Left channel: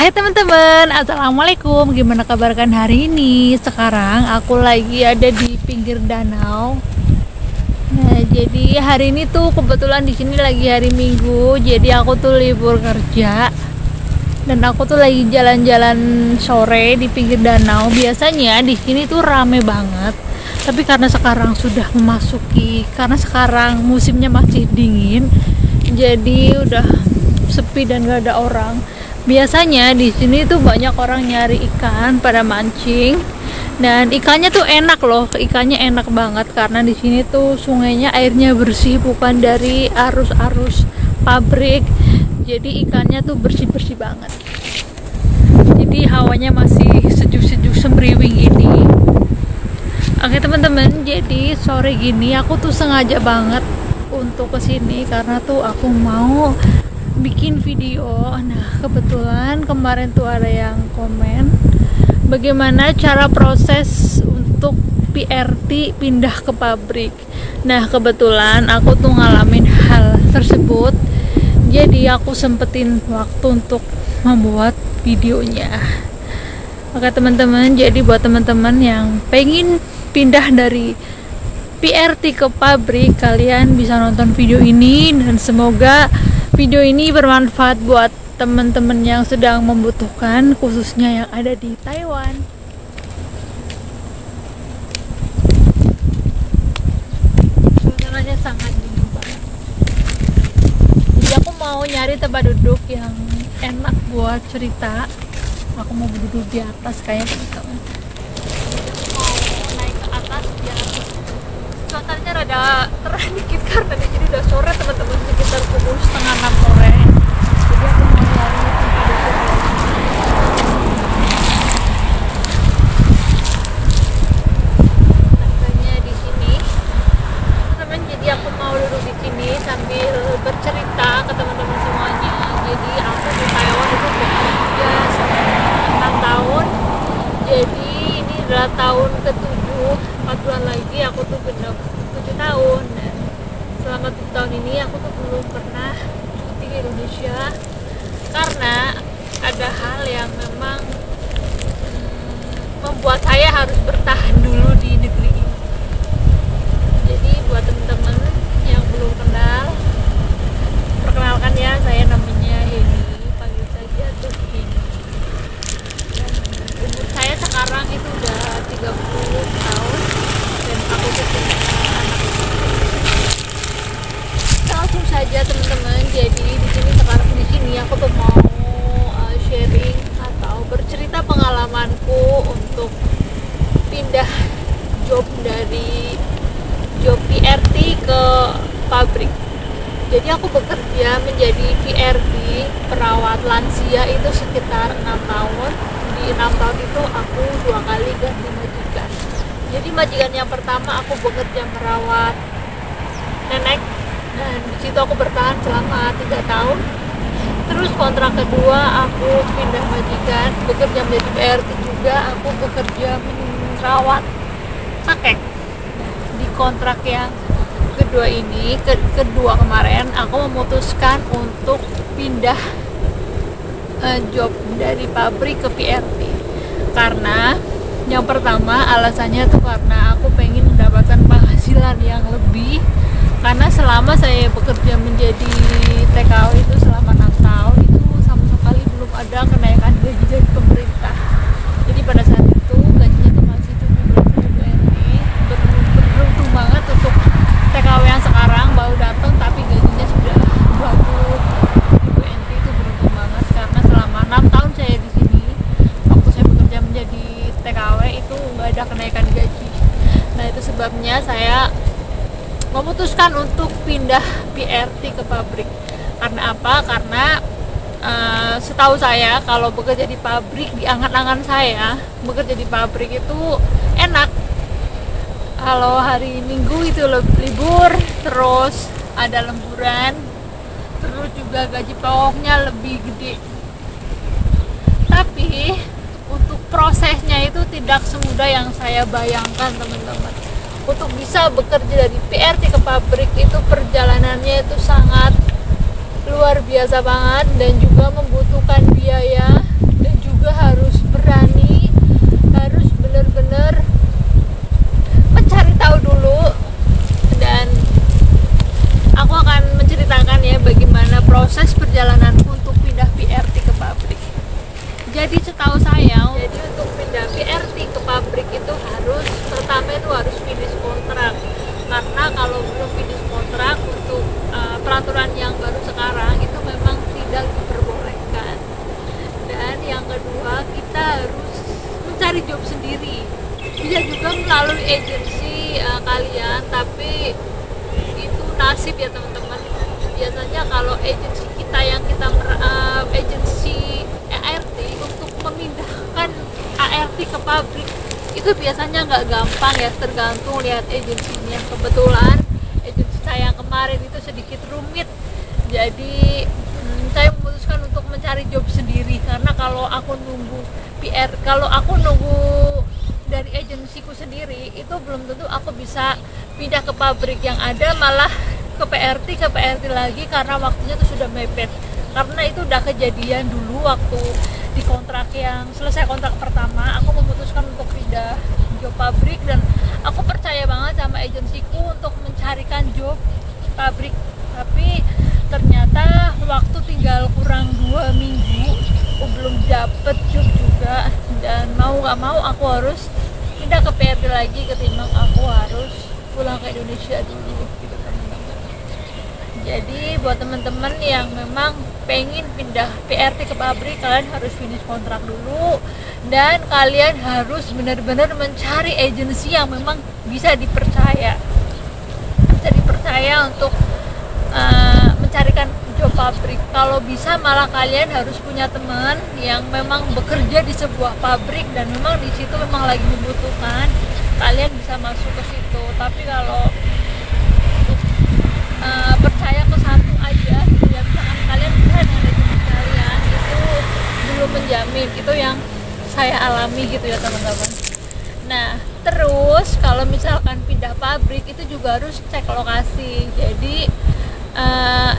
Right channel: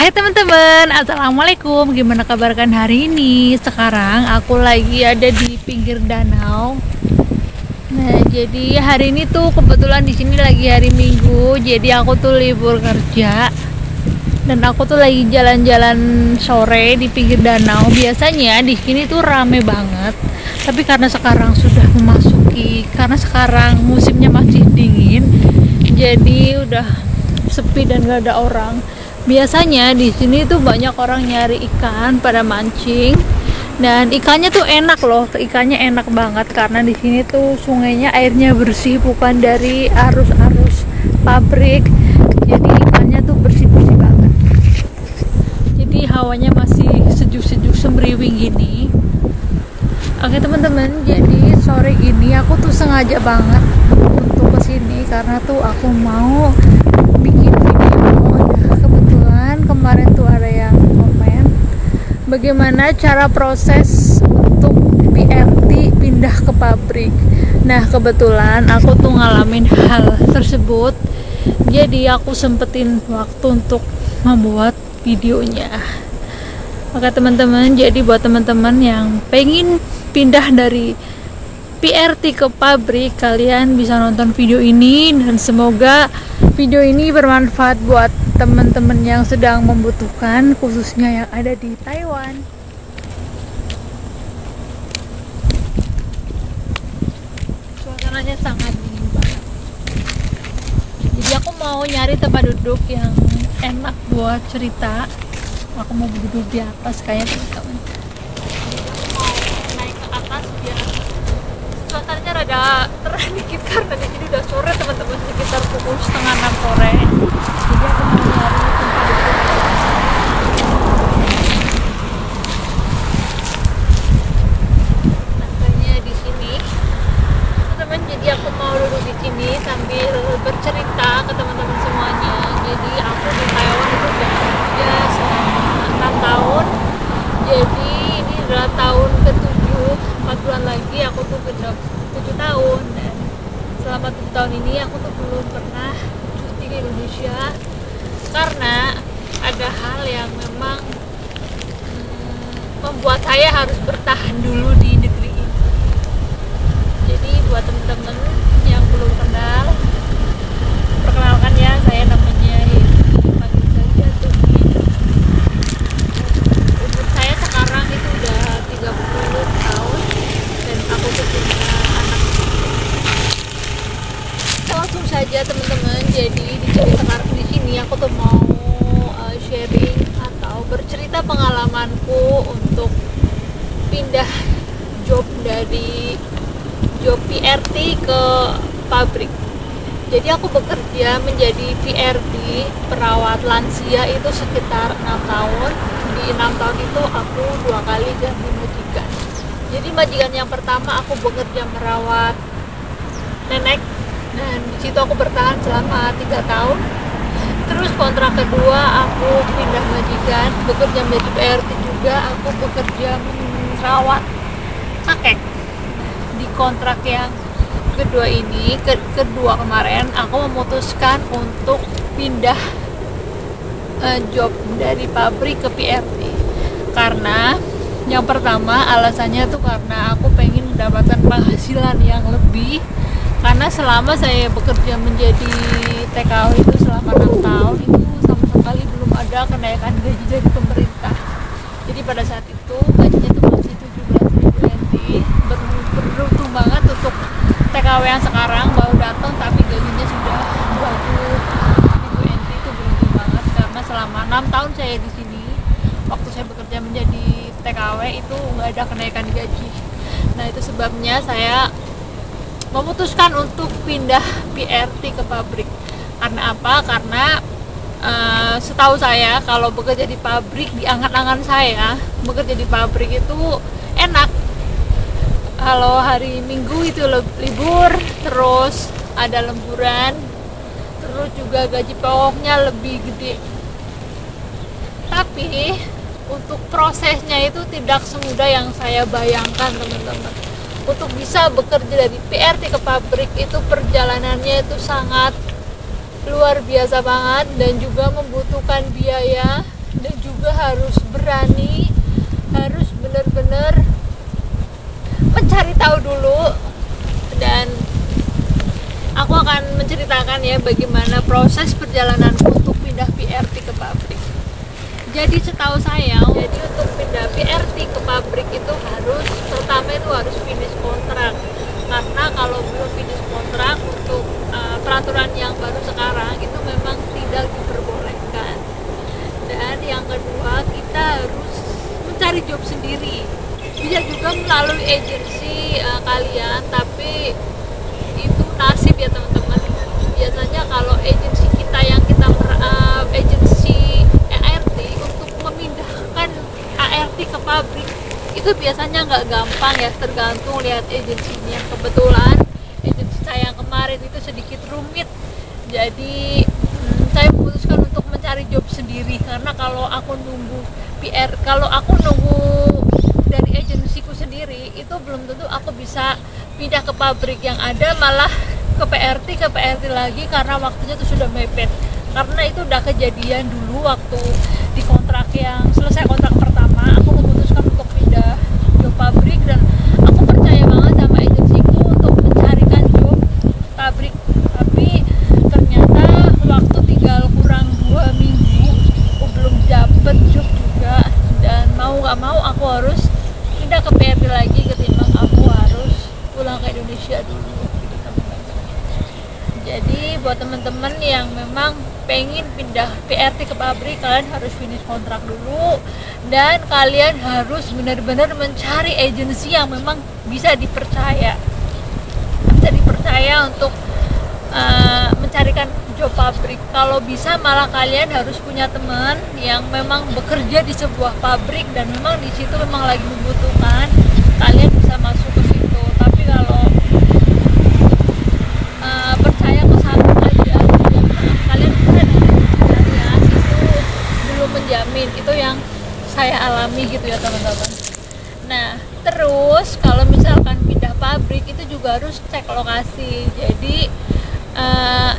Hai teman-teman, assalamualaikum. Gimana kabar kan hari ini? Sekarang aku lagi ada di pinggir danau. Nah, jadi hari ini tuh kebetulan di sini lagi hari Minggu. Jadi aku tuh libur kerja. Dan aku tuh lagi jalan-jalan sore di pinggir danau. Biasanya di sini tuh rame banget. Tapi karena sekarang sudah memasuki, karena sekarang musimnya masih dingin, jadi udah sepi dan gak ada orang. Biasanya di sini tuh banyak orang nyari ikan pada mancing, dan ikannya tuh enak loh, ikannya enak banget karena di sini tuh sungainya airnya bersih, bukan dari arus-arus pabrik, jadi ikannya tuh bersih-bersih banget. Jadi hawanya masih sejuk-sejuk semriwing gini. Oke teman-teman, jadi sore gini aku tuh sengaja banget untuk kesini karena tuh aku mau bikin video. Nah, kebetulan kemarin tuh ada yang komen bagaimana cara proses untuk PRT pindah ke pabrik. Nah, kebetulan aku tuh ngalamin hal tersebut, jadi aku sempetin waktu untuk membuat videonya. Oke teman-teman, jadi buat teman-teman yang pengen pindah dari PRT ke pabrik, kalian bisa nonton video ini dan semoga video ini bermanfaat buat teman-teman yang sedang membutuhkan, khususnya yang ada di Taiwan. Suasananya sangat dingin banget. Jadi aku mau nyari tempat duduk yang enak buat cerita. Aku mau duduk di atas kayaknya teman-teman. Jadi aku mau naik ke atas biar suasananya rada terang dikit karena di sini udah sore teman-teman, sekitar pukul 5:30 sore. Jadi aku mau nyari tempat duduk ya. Nah, kayaknya di sini teman-teman. Jadi aku mau duduk di sini sambil bercerita ke teman-teman semuanya. Jadi aku di Taiwan itu bekerja selama 6 tahun. Jadi ini adalah tahun ke-7, 4 bulan lagi aku tuh genap 7 tahun. Dan selama 7 tahun ini aku tuh belum pernah cuti di Indonesia karena ada hal yang memang membuat saya harus bertahan dulu di negeri ini. Jadi buat temen-temen yang belum kenal, perkenalkan ya, saya namanya Hedi, panggil saja tuh Hedi. Umur saya sekarang itu udah 30 tahun dan aku tuh punya anak. Langsung saja teman-teman, jadi di sini aku tuh mau sharing atau bercerita pengalamanku untuk pindah job dari job PRT ke pabrik. Jadi aku bekerja menjadi PRT, perawat lansia itu sekitar 6 tahun. Di 6 tahun itu aku 2 kali ganti majikan. Jadi majikan yang pertama aku bekerja merawat nenek, dan disitu aku bertahan selama 3 tahun. Terus kontrak kedua aku pindah majikan, bekerja menjadi PRT juga, aku bekerja merawat kakek. Di kontrak yang kedua ini, kedua kemarin aku memutuskan untuk pindah job dari pabrik ke PRT. Karena yang pertama alasannya tuh karena aku pengen mendapatkan penghasilan yang lebih. Karena selama saya bekerja menjadi TKW itu selama 6 tahun itu sama sekali belum ada kenaikan gaji dari pemerintah. Jadi pada saat itu gajinya tuh masih 17.000 NT. Beruntung banget untuk TKW yang sekarang baru datang tapi gajinya sudah 20.000 NT. Itu beruntung banget karena selama 6 tahun saya di sini, waktu saya bekerja menjadi TKW itu nggak ada kenaikan gaji. Nah, itu sebabnya saya memutuskan untuk pindah PRT ke pabrik. Karena apa? Karena setahu saya kalau bekerja di pabrik, di angan-angan saya bekerja di pabrik itu enak. Kalau hari Minggu itu libur, terus ada lemburan, terus juga gaji pokoknya lebih gede. Tapi untuk prosesnya itu tidak semudah yang saya bayangkan teman-teman. Untuk bisa bekerja dari PRT ke pabrik itu perjalanannya itu sangat luar biasa banget dan juga membutuhkan biaya juga harus berani, harus benar-benar mencari tahu dulu. Dan aku akan menceritakan ya bagaimana proses perjalananku untuk pindah PRT ke pabrik. Jadi setahu saya, jadi untuk pindah PRT ke pabrik itu pertama itu harus finish kontrak. Karena kalau belum finish kontrak untuk peraturan yang baru sekarang itu memang tidak diperbolehkan. Dan yang kedua, kita harus mencari job sendiri. Bisa juga melalui agensi kalian, tapi itu nasib ya teman-teman. Biasanya kalau agensi kita yang agensi ART untuk memindahkan ART ke pabrik itu biasanya nggak gampang ya, tergantung lihat agensinya. Kebetulan agensi saya yang kemarin itu sedikit rumit, jadi saya memutuskan untuk mencari job sendiri. Karena kalau aku nunggu dari agensiku sendiri itu belum tentu aku bisa pindah ke pabrik, yang ada malah ke PRT lagi karena waktunya tuh sudah mepet. Karena itu udah kejadian dulu waktu di kontrak yang selesai kontrak pertama, aku memutuskan untuk pindah job pabrik, dan aku percaya banget sama agensiku untuk mencarikan job pabrik. Tapi ternyata waktu tinggal kurang 2 minggu aku belum dapet job juga, dan mau gak mau aku harus pindah ke PRT lagi ketimbang aku harus pulang ke Indonesia dulu gitu teman-teman. Jadi buat teman-teman yang memang pengen pindah PRT ke pabrik, kalian harus finish kontrak dulu, dan kalian harus benar-benar mencari agensi yang memang bisa dipercaya untuk mencarikan job pabrik. Kalau bisa malah kalian harus punya teman yang memang bekerja di sebuah pabrik dan memang di situ memang lagi membutuhkan, kalian bisa masuk ke situ. Tapi kalau percaya ke satu aja, ya misalkan kalian bisa dengan agensi kalian, itu belum menjamin. Itu yang saya alami gitu ya teman-teman. Nah terus kalau misalkan pindah pabrik itu juga harus cek lokasi. Jadi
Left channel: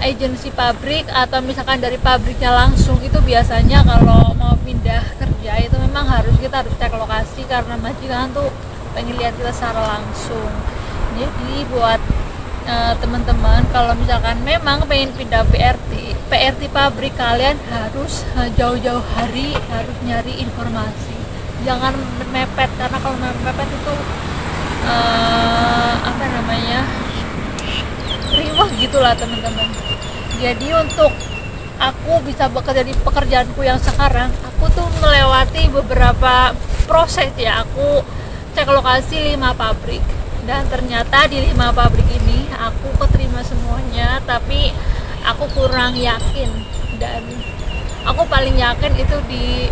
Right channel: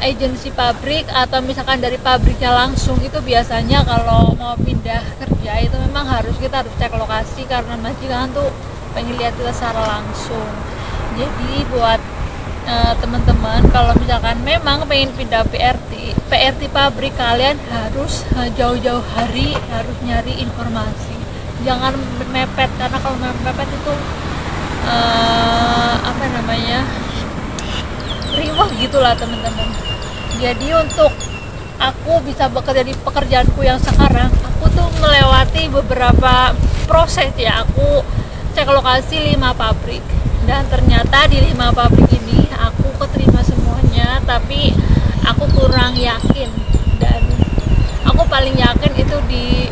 agensi pabrik atau misalkan dari pabriknya langsung itu biasanya kalau mau pindah kerja itu memang kita harus cek lokasi, karena majikan tuh pengen lihat kita secara langsung. Jadi buat teman-teman kalau misalkan memang pengen pindah PRT pabrik, kalian harus jauh-jauh hari harus nyari informasi, jangan mepet. Karena kalau mepet itu riwah gitulah teman-teman. Jadi untuk aku bisa bekerja di pekerjaanku yang sekarang, aku tuh melewati beberapa proses ya. Aku cek lokasi 5 pabrik, dan ternyata di 5 pabrik ini aku keterima semuanya, tapi aku kurang yakin, dan aku paling yakin itu di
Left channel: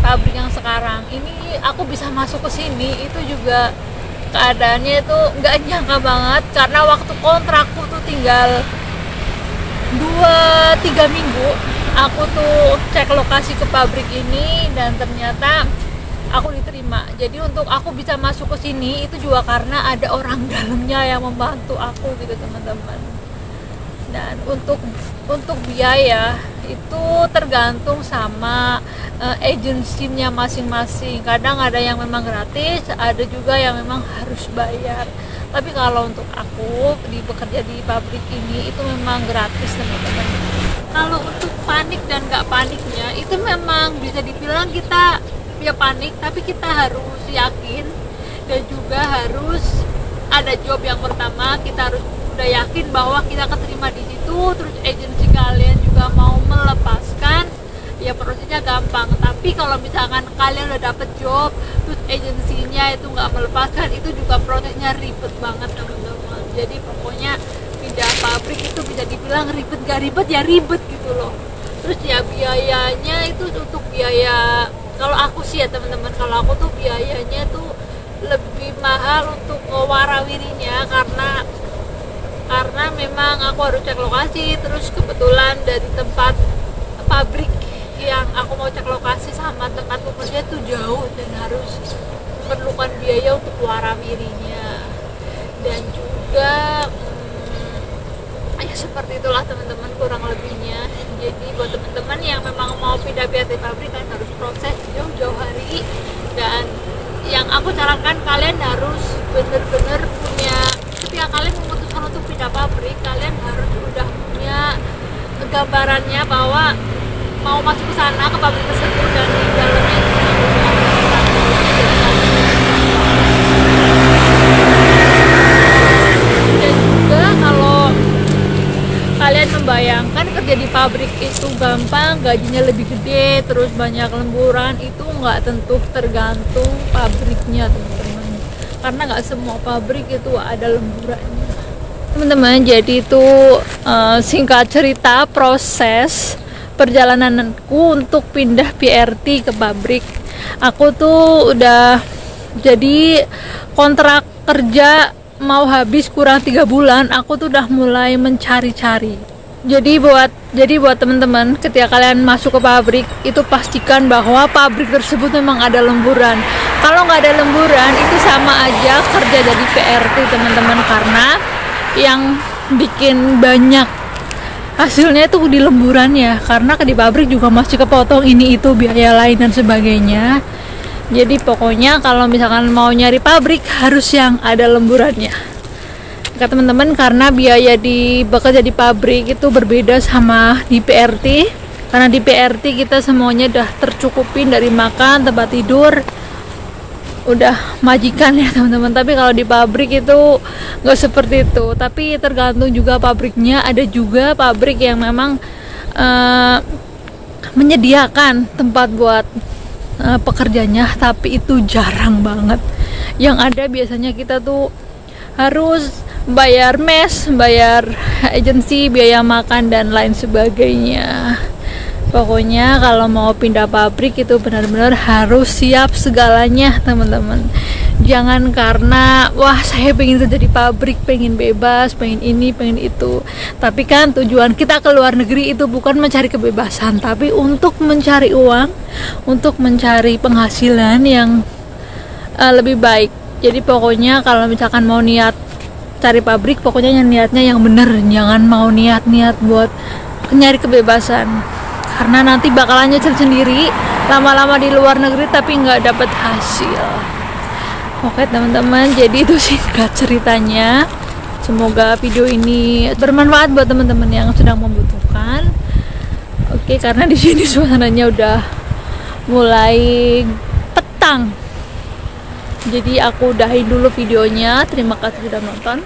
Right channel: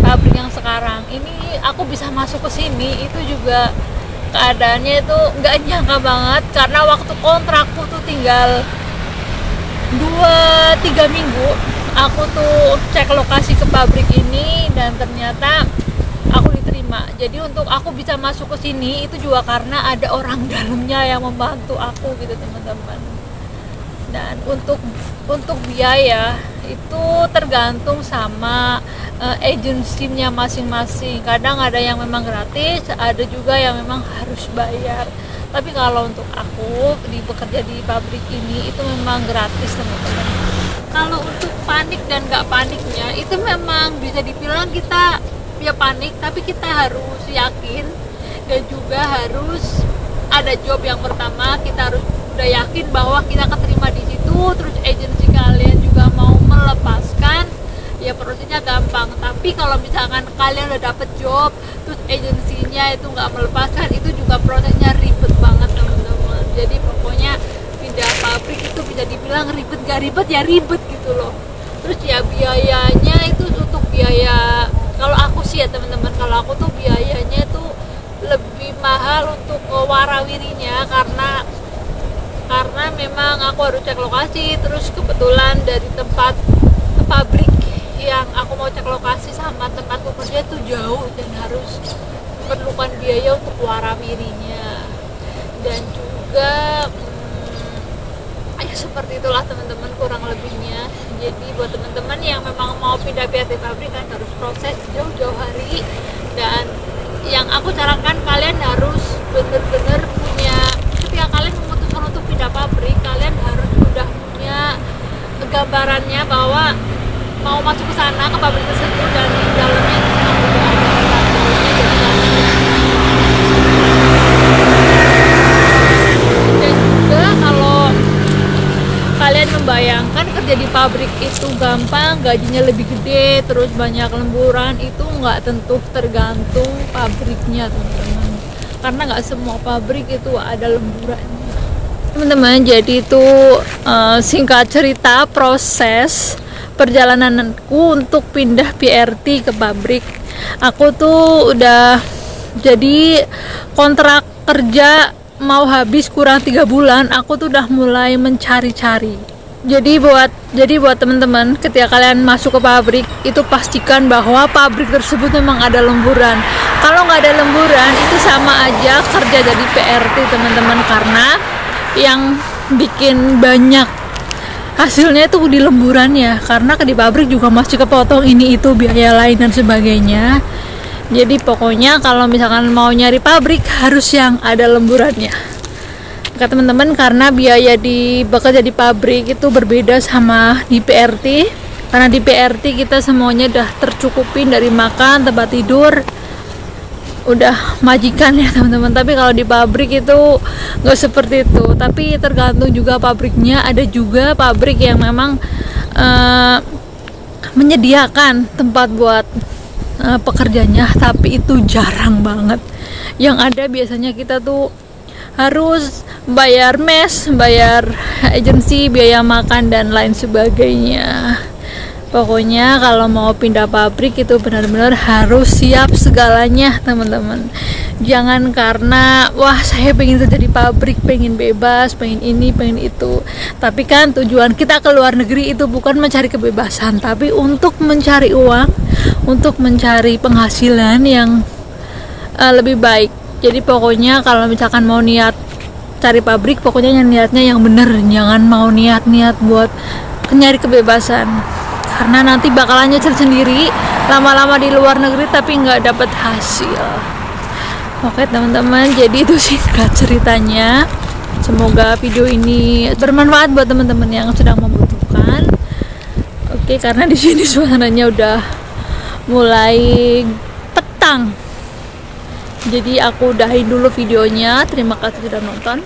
pabrik yang sekarang ini. Aku bisa masuk ke sini itu juga keadaannya itu nggak nyangka banget, karena waktu kontrakku tuh tinggal 2-3 minggu aku tuh cek lokasi ke pabrik ini, dan ternyata aku diterima. Jadi untuk aku bisa masuk ke sini itu juga karena ada orang dalamnya yang membantu aku gitu teman-teman. Dan untuk biaya itu tergantung sama agensinya masing-masing. Kadang ada yang memang gratis, ada juga yang memang harus bayar. Tapi kalau untuk aku bekerja di pabrik ini itu memang gratis teman-teman. Kalau untuk panik dan nggak paniknya itu memang bisa dibilang kita ya panik, tapi kita harus yakin, dan juga harus ada job yang pertama. Kita harus udah yakin bahwa kita keterima di situ, terus agensi kalian juga mau melepaskan, ya prosesnya gampang. Tapi kalau misalkan kalian udah dapet job terus agensinya itu nggak melepaskan, itu juga prosesnya ribet banget teman-teman. Jadi pokoknya pindah pabrik itu bisa dibilang ribet, gak ribet ya ribet gitu loh. Terus ya biayanya itu untuk biaya, kalau aku sih ya teman-teman, kalau aku tuh biayanya tuh lebih mahal untuk warawirinya, karena memang aku harus cek lokasi. Terus kebetulan dari tempat pabrik yang aku mau cek lokasi sama tempatku kerja tuh jauh, dan harus memerlukan biaya untuk warawirinya. Dan juga ya seperti itulah teman-teman kurang lebihnya. Jadi buat teman-teman yang memang mau pindah PRT pabrik, kan harus proses jauh-jauh hari. Dan yang aku sarankan, kalian harus bener-bener punya, ketika kalian memutuskan untuk pindah pabrik, kalian harus udah punya gambarannya bahwa mau masuk ke sana, ke pabrik tersebut, dan di dalamnya memang udah ada orang dalamnya, jadi kalian lebih gampang. Dan juga kalau kalian membayangkan kerja di pabrik itu gampang, gajinya lebih gede, terus banyak lemburan, itu nggak tentu, tergantung pabriknya teman-teman, karena nggak semua pabrik itu ada lemburannya teman-teman. Jadi itu singkat cerita proses perjalananku untuk pindah PRT ke pabrik. Aku tuh udah, jadi kontrak kerja mau habis kurang 3 bulan, aku tuh udah mulai mencari-cari. Jadi buat teman-teman, ketika kalian masuk ke pabrik, itu pastikan bahwa pabrik tersebut memang ada lemburan. Kalau nggak ada lemburan, itu sama aja kerja jadi PRT teman-teman, karena yang bikin banyak hasilnya itu di lemburan ya, karena di pabrik juga masih kepotong ini itu biaya lain dan sebagainya. Jadi pokoknya kalau misalkan mau nyari pabrik harus yang ada lemburannya, kata teman-teman, karena biaya di bekerja di pabrik itu berbeda sama di PRT. Karena di PRT kita semuanya udah tercukupin, dari makan, tempat tidur, udah majikan ya teman-teman. Tapi kalau di pabrik itu nggak seperti itu, tapi tergantung juga pabriknya. Ada juga pabrik yang memang menyediakan tempat buat pekerjanya, tapi itu jarang banget. Yang ada biasanya kita tuh harus bayar mes, bayar agensi, biaya makan dan lain sebagainya. Pokoknya kalau mau pindah pabrik itu benar-benar harus siap segalanya teman-teman. Jangan karena wah saya pengen kerja di pabrik, pengen bebas, pengen ini, pengen itu. Tapi kan tujuan kita ke luar negeri itu bukan mencari kebebasan, tapi untuk mencari uang, untuk mencari penghasilan yang lebih baik. Jadi pokoknya kalau misalkan mau niat cari pabrik, pokoknya niatnya yang bener, jangan mau niat-niat buat nyari kebebasan. Karena nanti bakalan nyesel sendiri lama-lama di luar negeri tapi nggak dapet hasil. Oke teman-teman, jadi itu singkat ceritanya. Semoga video ini bermanfaat buat teman-teman yang sedang membutuhkan. Oke, karena di sini suasananya udah mulai petang. Jadi aku udahin dulu videonya. Terima kasih sudah nonton.